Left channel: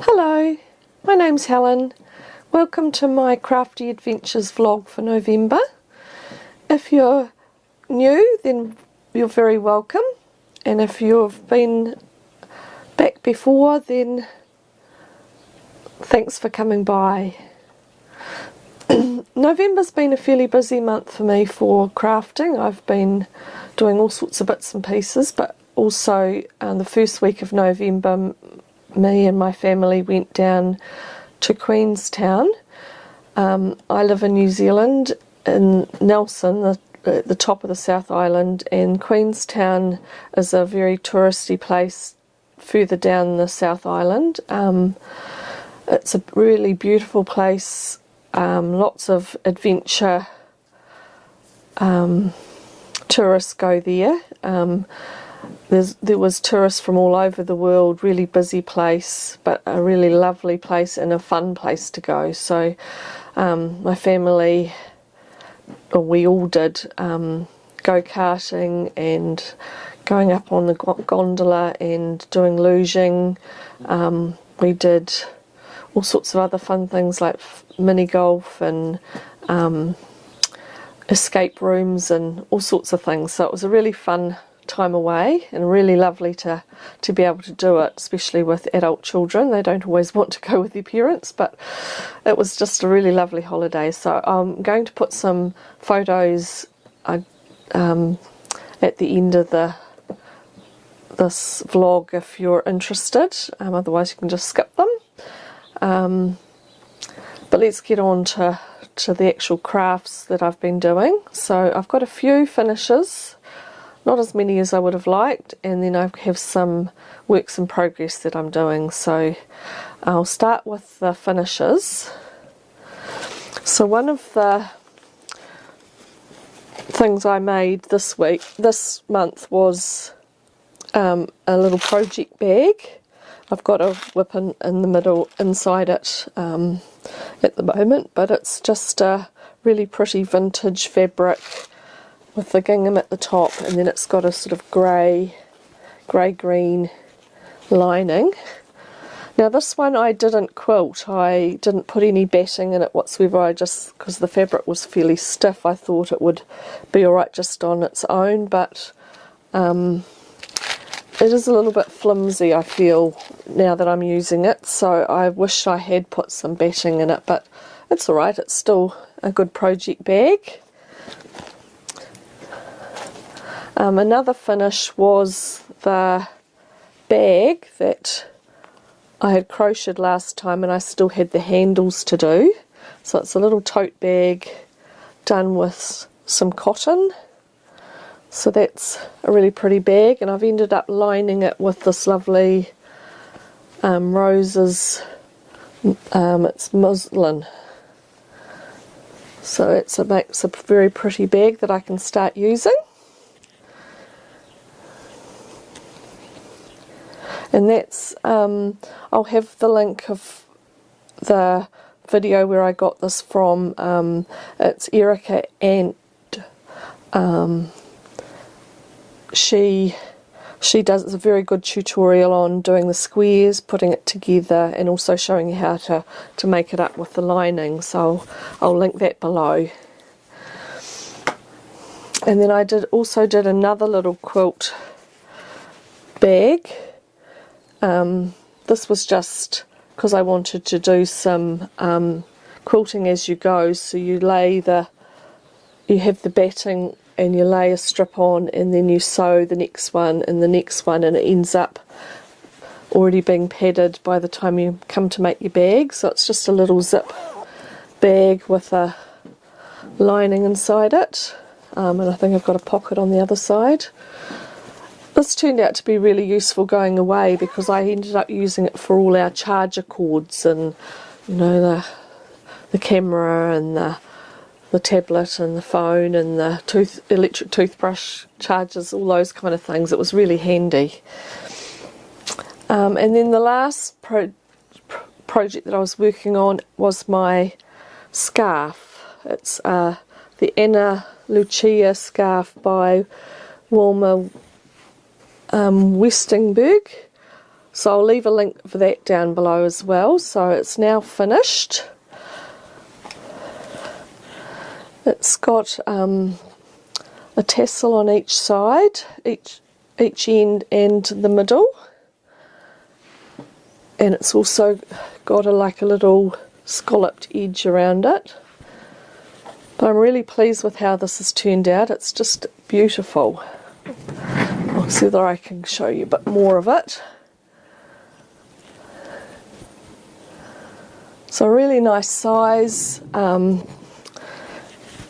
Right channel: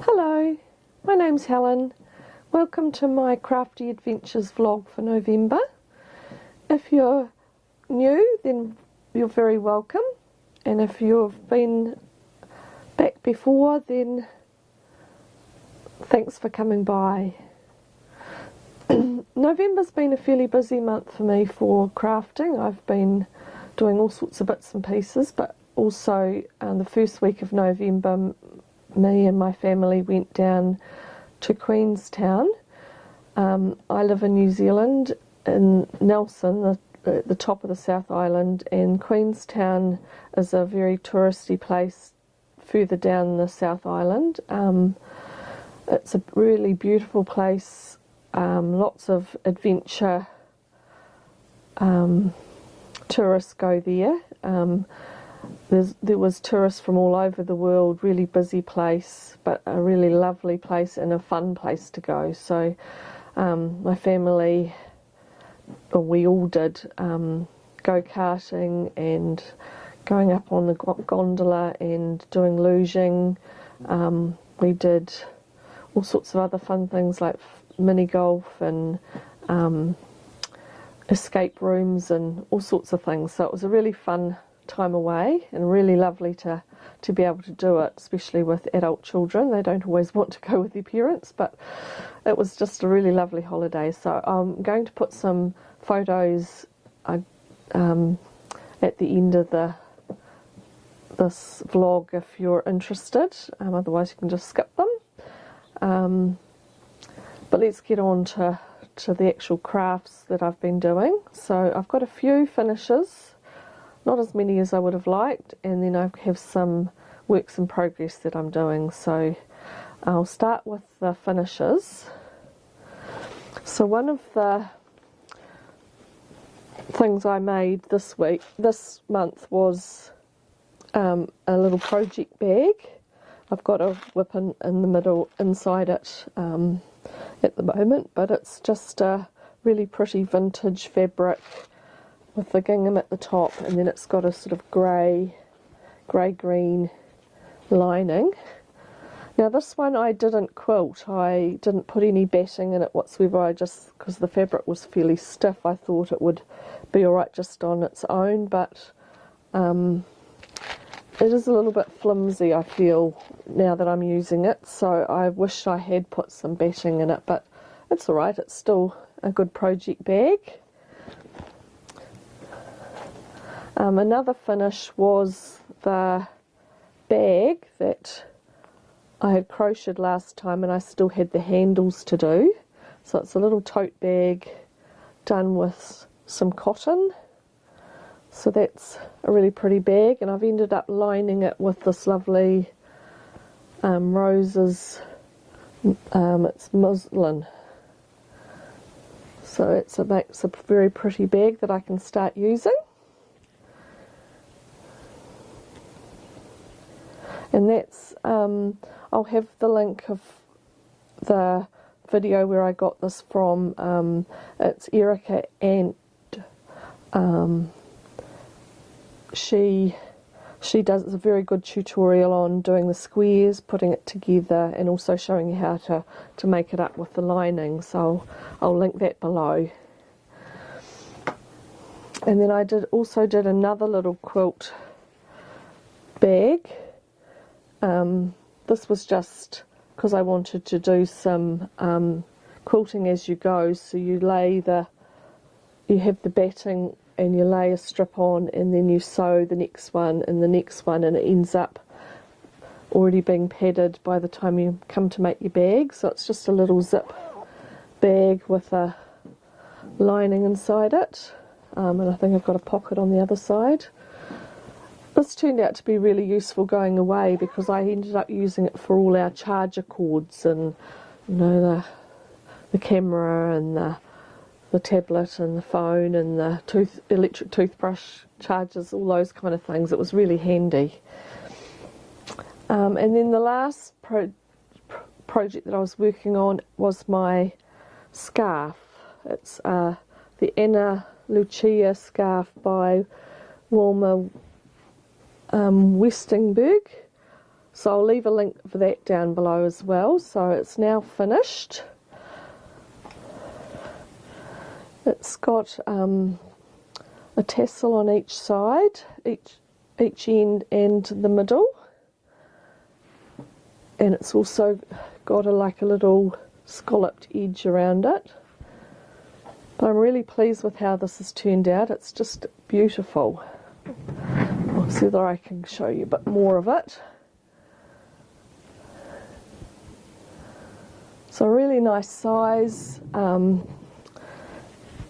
Hello, my name's Helen. Welcome to my Crafty Adventures vlog for November. If you're new, then you're very welcome, and if you've been back before, then thanks for coming by. November's been a fairly busy month for me for crafting. I've been doing all sorts of bits and pieces, but also the first week of November me and my family went down to Queenstown. I live in New Zealand, in Nelson, the top of the South Island, and Queenstown is a very touristy place further down the South Island. It's a really beautiful place, lots of adventure tourists go there. There was tourists from all over the world, really busy place, but a really lovely place and a fun place to go. So my family, or we all did, go-karting and going up on the gondola and doing luging. We did all sorts of other fun things like mini golf and escape rooms and all sorts of things. So it was a really fun time away and really lovely to be able to do it, especially with adult children. They don't always want to go with their parents, but it was just a really lovely holiday. So I'm going to put some photos at the end of this vlog if you're interested, otherwise you can just skip them. But let's get on to the actual crafts that I've been doing. So I've got a few finishes, not as many as I would have liked, and then I have some works in progress that I'm doing. So I'll start with the finishes. So one of the things I made this month was a little project bag. I've got a whip in the middle inside it at the moment, but it's just a really pretty vintage fabric with the gingham at the top, and then it's got a sort of grey-green lining. Now this one I didn't quilt, I didn't put any batting in it whatsoever. I just, because the fabric was fairly stiff, I thought it would be alright just on its own, but it is a little bit flimsy, I feel, now that I'm using it, so I wish I had put some batting in it, but it's alright, it's still a good project bag. Another finish was the bag that I had crocheted last time, and I still had the handles to do. So it's a little tote bag done with some cotton. So that's a really pretty bag, and I've ended up lining it with this lovely roses, it's muslin. So it makes a very pretty bag that I can start using. And that's, I'll have the link of the video where I got this from. It's Erica, and she does a very good tutorial on doing the squares, putting it together, and also showing you how to make it up with the lining. So I'll link that below. And then I also did another little quilt bag. This was just because I wanted to do some quilting as you go. So you have the batting and you lay a strip on, and then you sew the next one and the next one, and it ends up already being padded by the time you come to make your bag. So it's just a little zip bag with a lining inside it, and I think I've got a pocket on the other side. This turned out to be really useful going away, because I ended up using it for all our charger cords and, you know, the camera and the tablet and the phone and the electric toothbrush chargers, all those kind of things. It was really handy. And then the last project that I was working on was my scarf. It's the Lucia scarf by Wilma Westingberg. So I'll leave a link for that down below as well. So it's now finished. It's got a tassel on each side, each end and the middle, and it's also got like a little scalloped edge around it. But I'm really pleased with how this has turned out. It's just beautiful. I'll see whether I can show you a bit more of it. So a really nice size.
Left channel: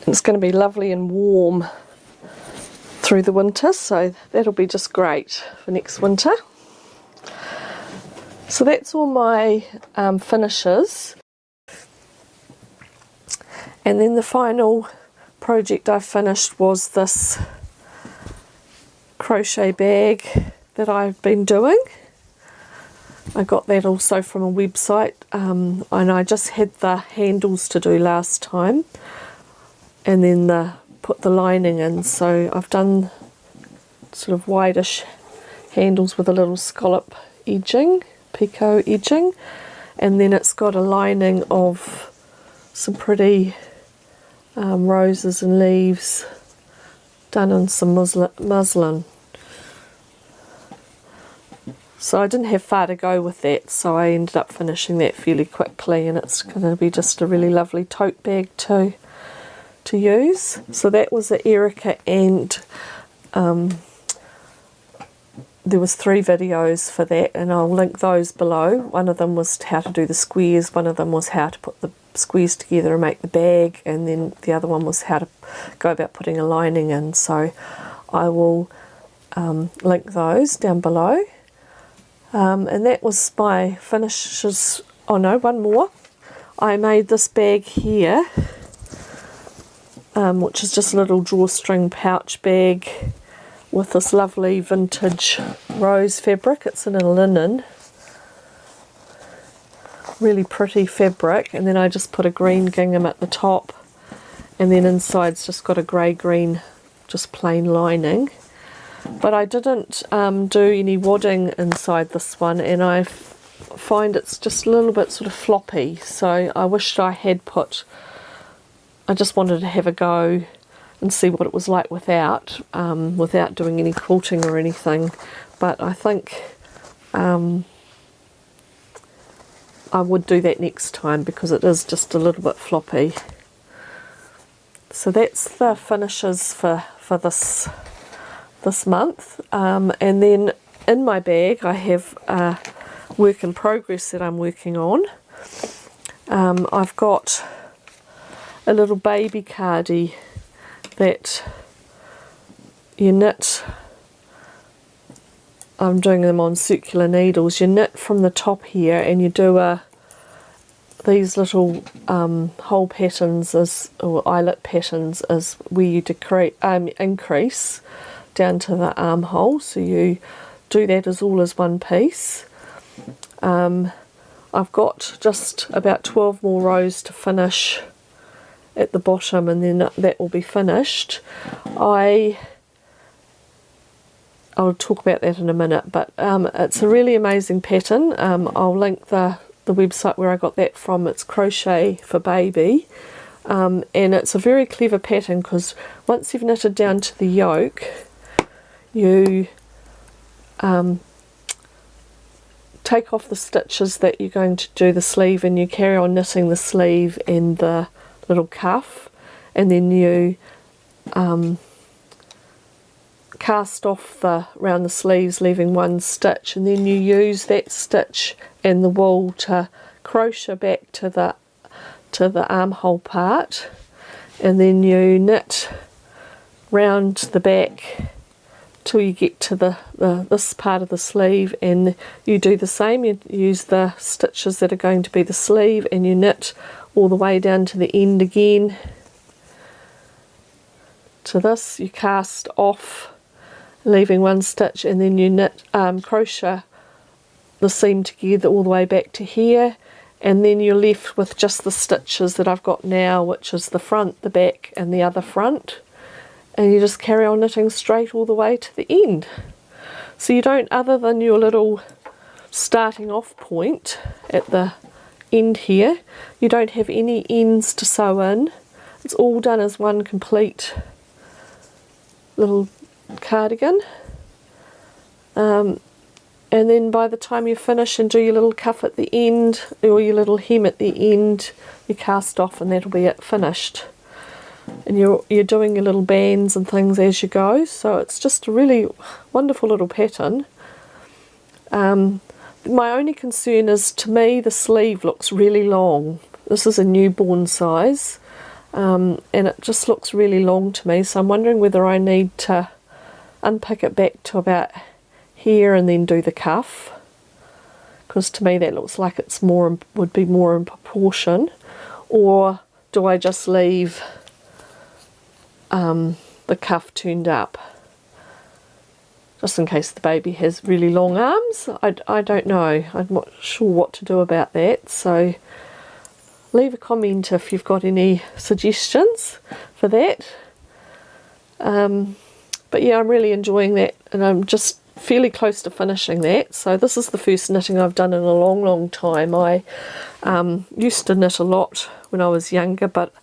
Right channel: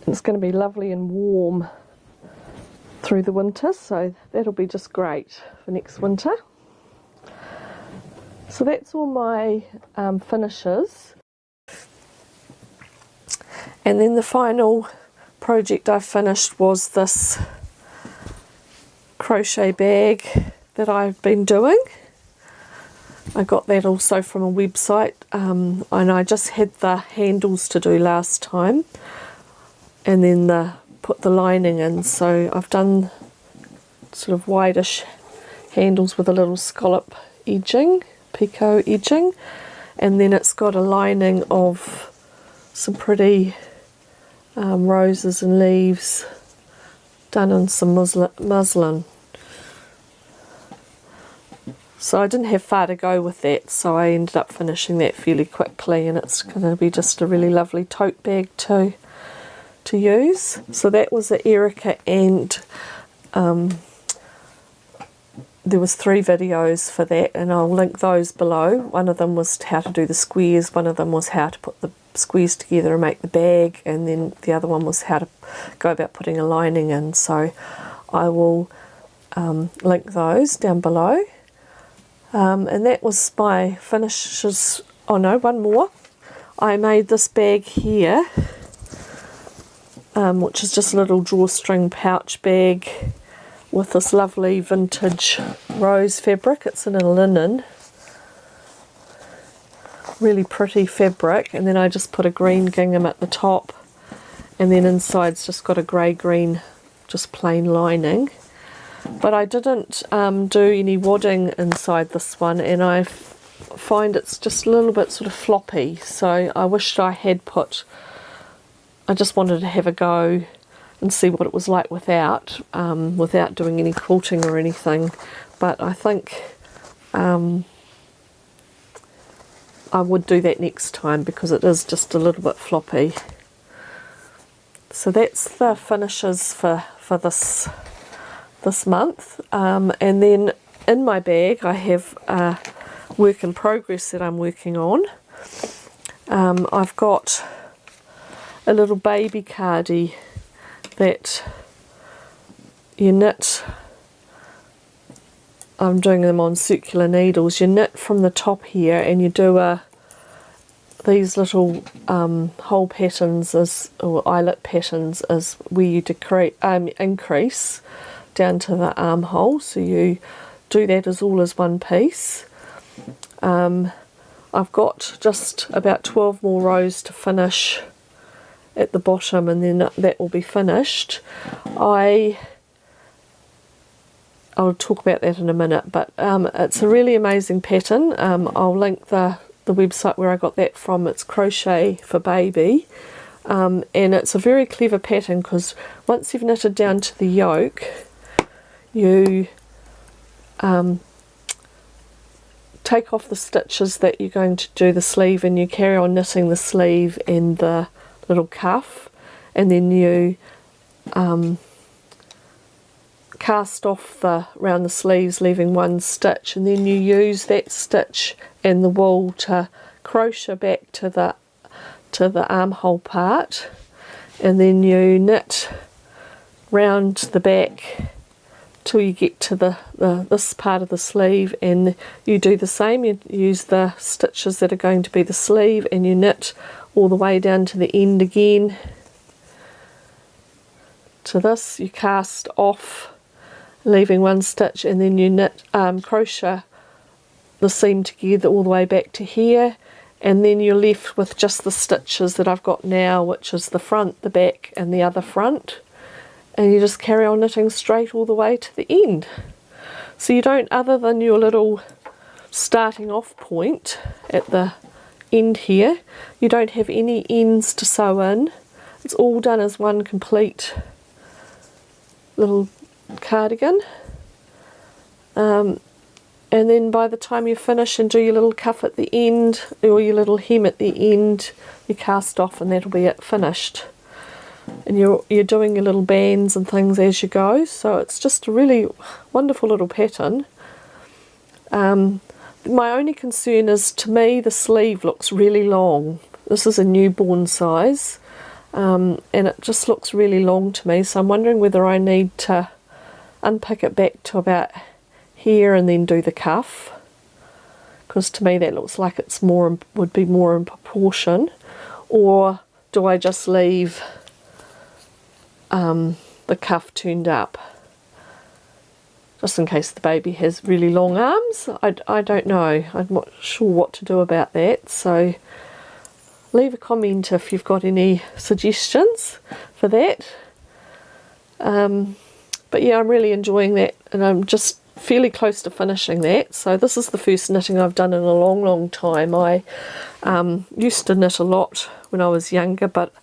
It's going to be lovely and warm through the winter, so that'll be just great for next winter. So that's all my finishes. And then the final project I finished was this crochet bag that I've been doing. I got that also from a website, and I just had the handles to do last time, and then put the lining in. So I've done sort of wideish handles with a little scallop edging, picot edging, and then it's got a lining of some pretty roses and leaves done in some muslin. So I didn't have far to go with that, so I ended up finishing that fairly quickly, and it's going to be just a really lovely tote bag to use. So that was the Erica, and there was 3 videos for that, and I'll link those below. One of them was how to do the squares, one of them was how to put the squares together and make the bag, and then the other one was how to go about putting a lining in. So I will link those down below. And that was my finishes. Oh no, one more. I made this bag here, which is just a little drawstring pouch bag with this lovely vintage rose fabric. It's in a linen, really pretty fabric, and then I just put a green gingham at the top, and then inside's just got a grey-green just plain lining. But I didn't do any wadding inside this one, and I find it's just a little bit sort of floppy, so I wished I had put, I just wanted to have a go and see what it was like without doing any quilting or anything. But I think I would do that next time because it is just a little bit floppy. So that's the finishes for this month, and then in my bag I have a work in progress that I'm working on. I've got a little baby cardie that you knit. I'm doing them on circular needles. You knit from the top here, and you do these little hole patterns or eyelet patterns is where you increase down to the armhole. So you do that as all as one piece. I've got just about 12 more rows to finish at the bottom, and then that will be finished. I'll talk about that in a minute, but it's a really amazing pattern. I'll link the website where I got that from. It's Crochet for Baby, and it's a very clever pattern because once you've knitted down to the yoke, you take off the stitches that you're going to do the sleeve, and you carry on knitting the sleeve and the little cuff, and then you cast off around the sleeves, leaving one stitch, and then you use that stitch and the wool to crochet back to the armhole part, and then you knit round the back till you get to this part of the sleeve, and you do the same. You use the stitches that are going to be the sleeve, and you knit all the way down to the end again to this. You cast off, leaving one stitch, and then you knit crochet the seam together all the way back to here, and then you're left with just the stitches that I've got now, which is the front, the back, and the other front, and you just carry on knitting straight all the way to the end. So you don't, other than your little starting off point at the end here. You don't have any ends to sew in. It's all done as one complete little cardigan. And then by the time you finish and do your little cuff at the end, or your little hem at the end, you cast off and that'll be it, finished. And you're doing your little bands and things as you go, so it's just a really wonderful little pattern. My only concern is, to me, the sleeve looks really long. This is a newborn size, and it just looks really long to me, so I'm wondering whether I need to unpick it back to about here and then do the cuff, because to me that looks like it's more, would be more in proportion. Or do I just leave the cuff turned up, just in case the baby has really long arms? I don't know. I'm not sure what to do about that, so leave a comment if you've got any suggestions for that. But yeah, I'm really enjoying that, and I'm just fairly close to finishing that. So this is the first knitting I've done in a long time. I used to knit a lot when I was younger, but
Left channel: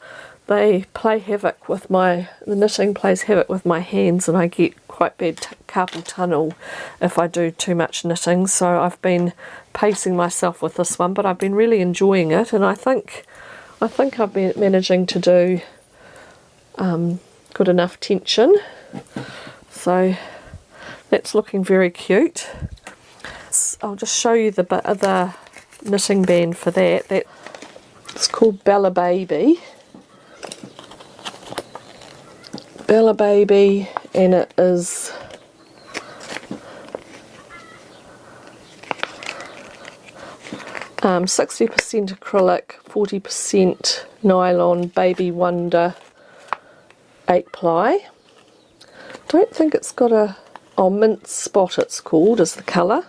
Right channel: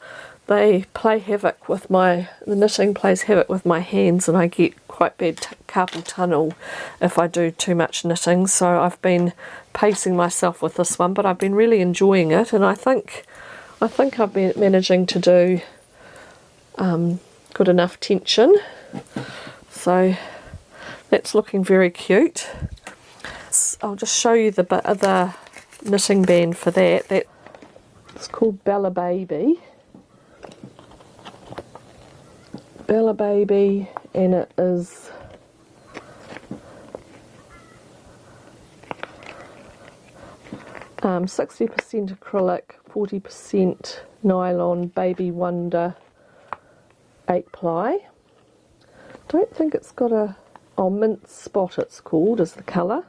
they play havoc with the knitting plays havoc with my hands, and I get quite bad carpal tunnel if I do too much knitting. So I've been pacing myself with this one, but I've been really enjoying it, and I think I've been managing to do good enough tension. So that's looking very cute. I'll just show you the knitting band for that. It's called Bella Baby. Bella Baby, and it is um, 60% acrylic, 40% nylon, Baby Wonder 8-ply. Don't think it's got a mint spot, it's called, is the colour.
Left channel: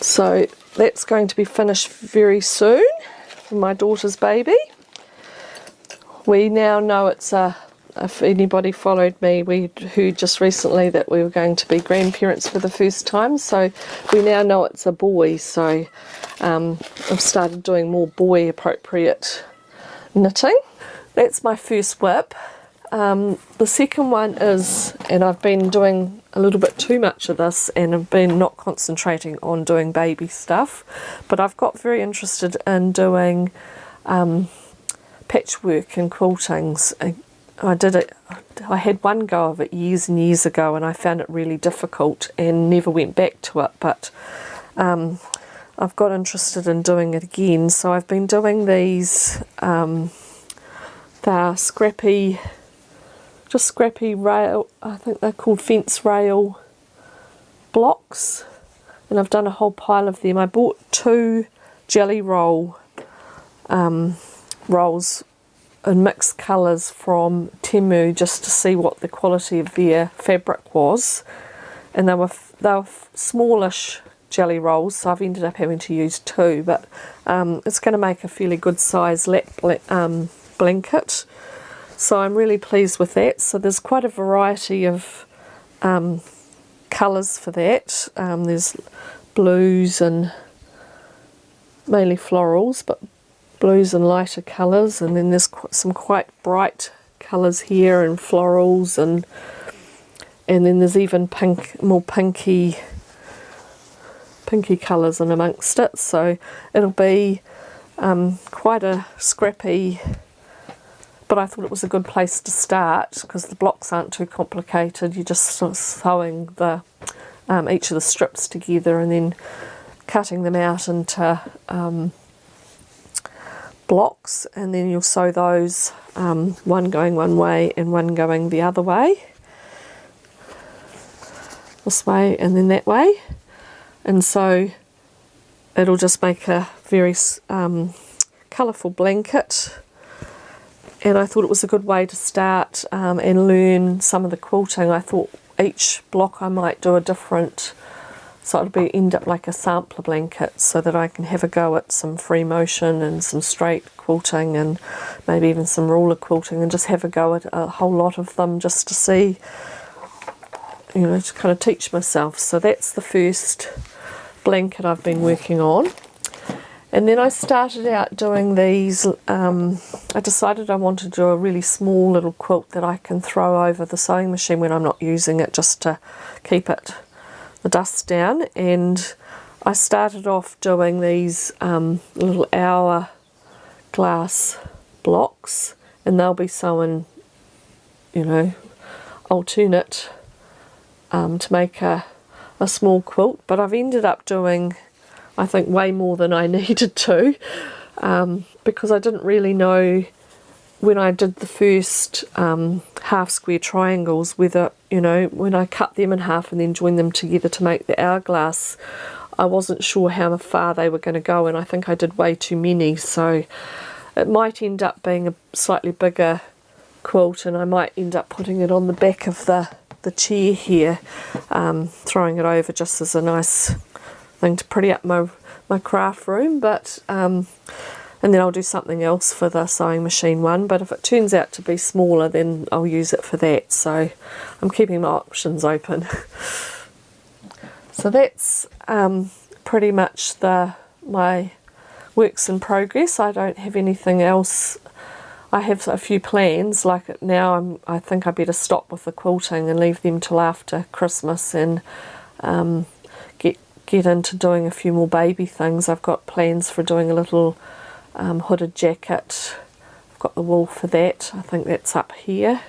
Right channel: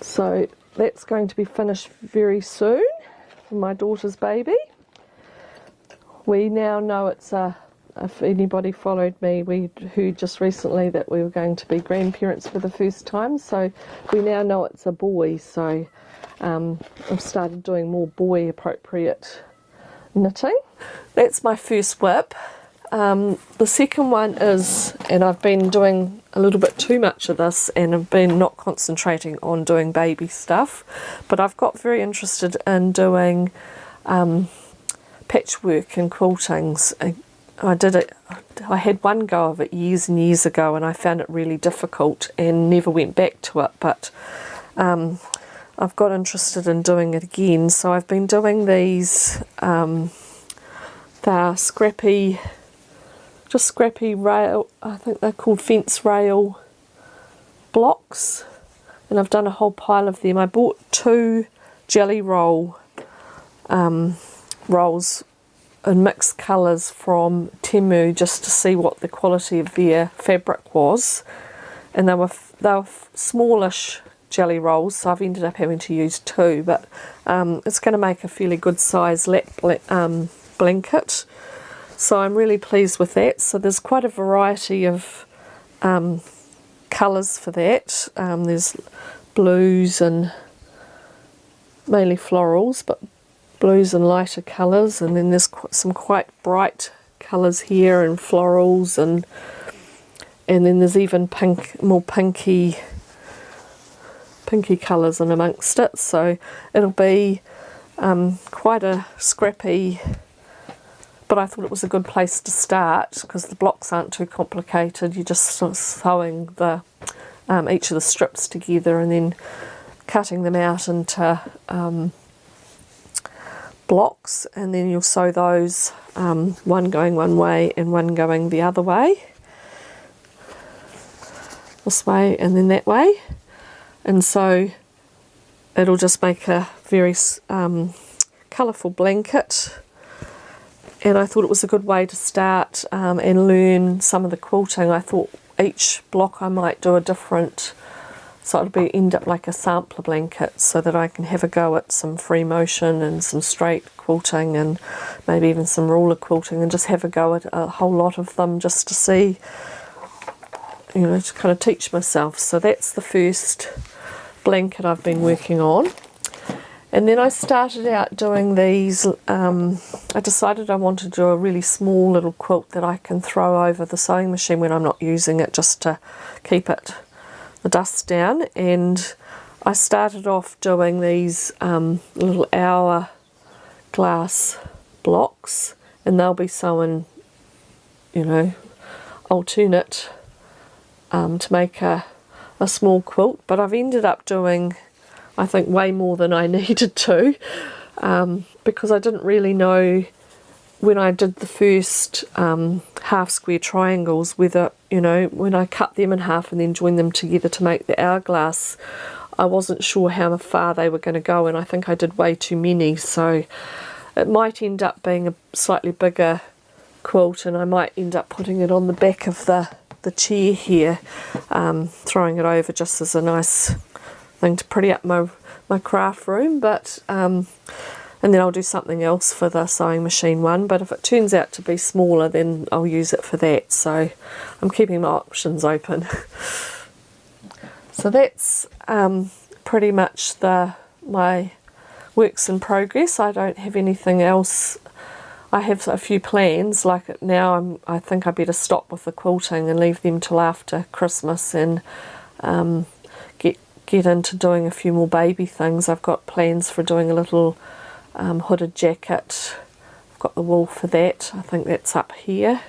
So that's going to be finished very soon for my daughter's baby. We now know it's if anybody followed me, we heard just recently that we were going to be grandparents for the first time, so we now know it's a boy. So I've started doing more boy appropriate knitting. That's my first whip. The second one is, and I've been doing a little bit too much of this, and I've been not concentrating on doing baby stuff, but I've got very interested in doing patchwork and quiltings. I had one go of it years and years ago, and I found it really difficult and never went back to it, but I've got interested in doing it again. So I've been doing these, they're scrappy rail, I think they're called fence rail blocks, and I've done a whole pile of them. I bought 2 jelly roll rolls in mixed colours from Temu just to see what the quality of their fabric was, and they were smallish jelly rolls, so I've ended up having to use 2, but it's going to make a fairly good size lap blanket. So I'm really pleased with that. So there's quite a variety of colours for that. There's blues and mainly florals, but blues and lighter colours, and then there's some quite bright colours here and florals, and then there's even more pinky colours in amongst it. So it'll be quite a scrappy, but I thought it was a good place to start because the blocks aren't too complicated. You're just sort of sewing each of the strips together and then cutting them out into blocks, and then you'll sew those, one going one way and one going the other way, this way and then that way, and so it'll just make a very colourful blanket. And I thought it was a good way to start and learn some of the quilting. I thought each block I might do a different, so it'll end up like a sampler blanket, so that I can have a go at some free motion and some straight quilting and maybe even some ruler quilting, and just have a go at a whole lot of them just to see, to kind of teach myself. So that's the first blanket I've been working on. And then I started out doing these, I decided I wanted to do a really small little quilt that I can throw over the sewing machine when I'm not using it, just to keep the dust down. And I started off doing these little hourglass blocks, and they'll be sewn, you know, alternate to make a small quilt. But I've ended up doing, I think, way more than I needed to, because I didn't really know when I did the first half square triangles whether, you know, when I cut them in half and then joined them together to make the hourglass, I wasn't sure how far they were going to go, and I think I did way too many, so it might end up being a slightly bigger quilt, and I might end up putting it on the back of the chair here, throwing it over just as a nice thing to pretty up my craft room. But and then I'll do something else for the sewing machine one, but if it turns out to be smaller, then I'll use it for that. So I'm keeping my options open. So that's pretty much my works in progress. I don't have anything else. I have a few plans, like now I think I better stop with the quilting and leave them till after Christmas, and get into doing a few more baby things. I've got plans for doing a little hooded jacket. I've got the wool for that. I think that's up here.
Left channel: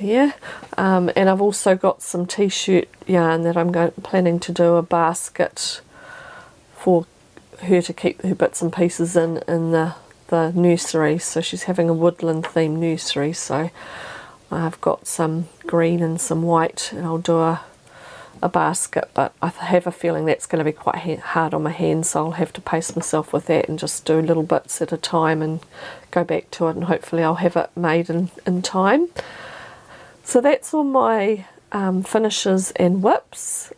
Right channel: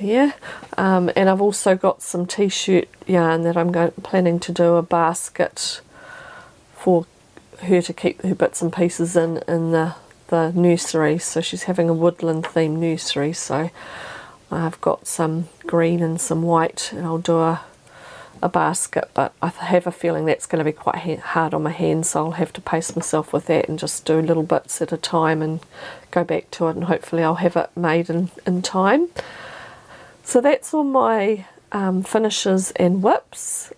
And I've also got some t-shirt yarn that I'm planning to do a basket for her to keep her bits and pieces in the nursery. So she's having a woodland themed nursery, so I've got some green and some white, and I'll do a basket, but I have a feeling that's going to be quite hard on my hands, so I'll have to pace myself with that and just do little bits at a time and go back to it, and hopefully I'll have it made in time. So that's all my finishes and whips.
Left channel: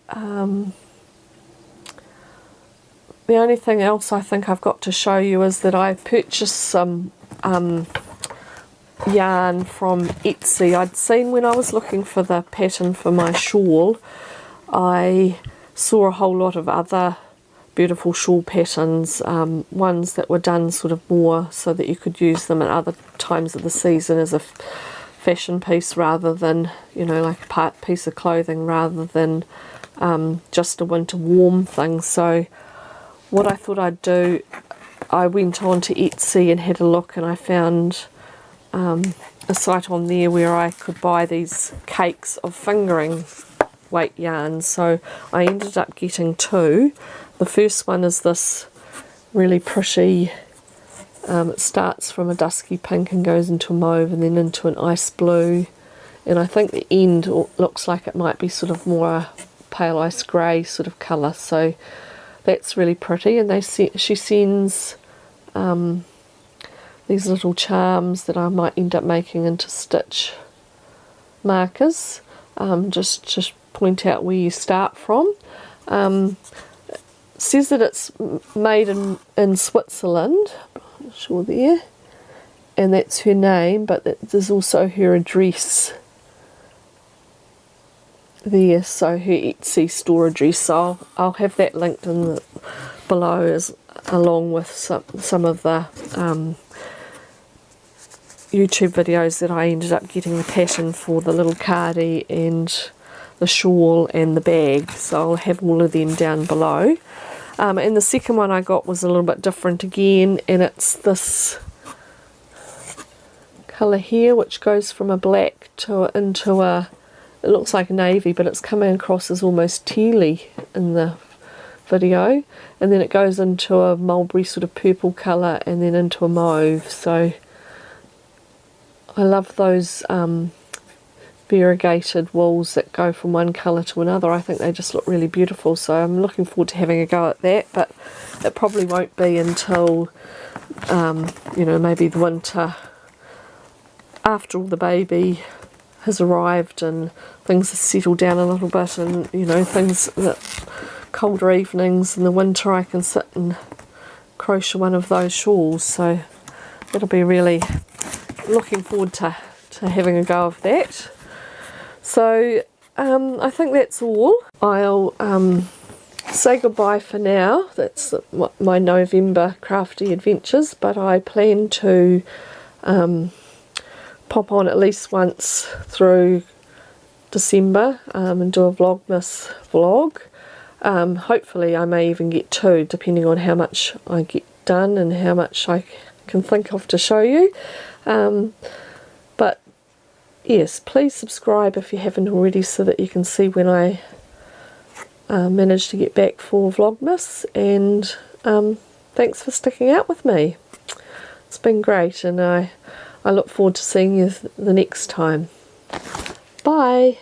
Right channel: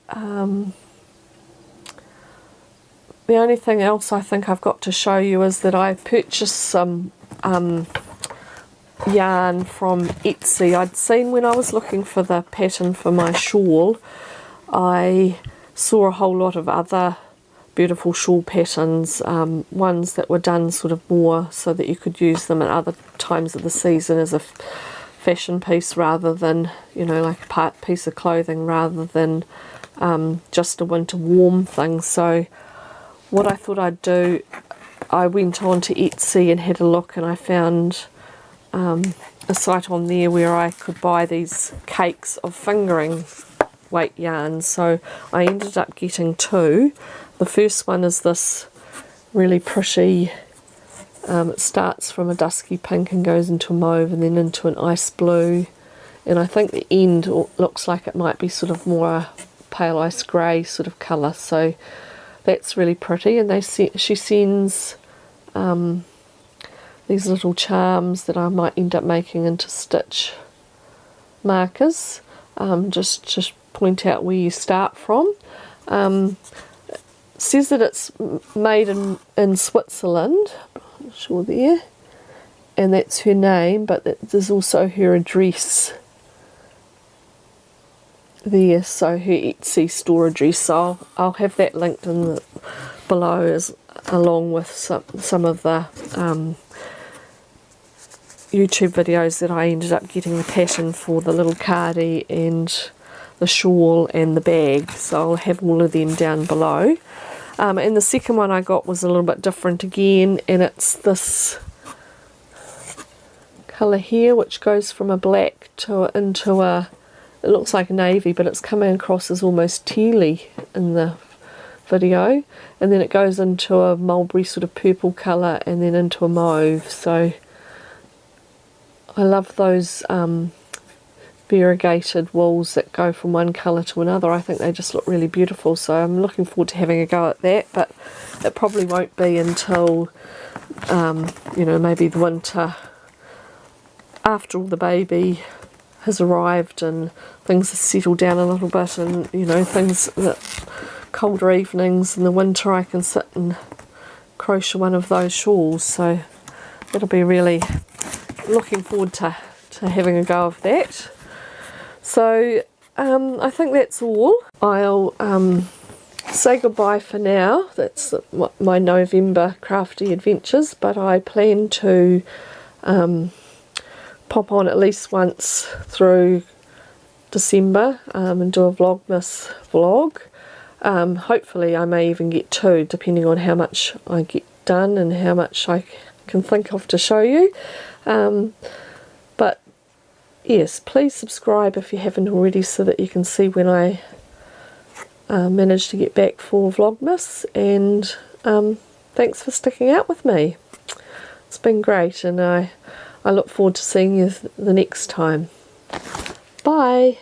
The only thing else I think I've got to show you is that I purchased some yarn from Etsy. I'd seen, when I was looking for the pattern for my shawl, I saw a whole lot of other beautiful shawl patterns, ones that were done sort of more so that you could use them at other times of the season as a fashion piece, rather than, you know, like a piece of clothing, rather than just a winter warm thing. So what I thought I'd do, I went on to Etsy and had a look, and I found a site on there where I could buy these cakes of fingering weight yarn. So I ended up getting two. The first one is this really pretty, it starts from a dusky pink and goes into a mauve and then into an ice blue, and I think the end looks like it might be sort of more a pale ice grey sort of colour, so that's really pretty. And she sends these little charms that I might end up making into stitch markers, just to point out where you start from. Says that it's made in Switzerland, I'm not sure there, and that's her name, but there's also her address there, so her Etsy store address. So I'll have that linked in below, along with some of the YouTube videos that I ended up getting the pattern for, the little cardi and the shawl and the bag. So I'll have all of them down below. And the second one I got was a little bit different again, and it's this colour here, which goes from a black into a, it looks like a navy, but it's coming across as almost tealy in the video, and then it goes into a mulberry sort of purple colour and then into a mauve. So I love those variegated wools that go from one colour to another. I think they just look really beautiful, so I'm looking forward to having a go at that, but it probably won't be until you know, maybe the winter, after all the baby has arrived and things have settled down a little bit, and you know, things that colder evenings in the winter I can sit and crochet one of those shawls. So it'll be really looking forward to having a go of that. So I think that's all. I'll say goodbye for now. That's my November crafty adventures, but I plan to pop on at least once through December and do a Vlogmas vlog. Hopefully I may even get 2, depending on how much I get done and how much I can think of to show you. But yes, please subscribe if you haven't already, so that you can see when I manage to get back for Vlogmas. And thanks for sticking out with me. It's been great, and I look forward to seeing you the next time. Bye.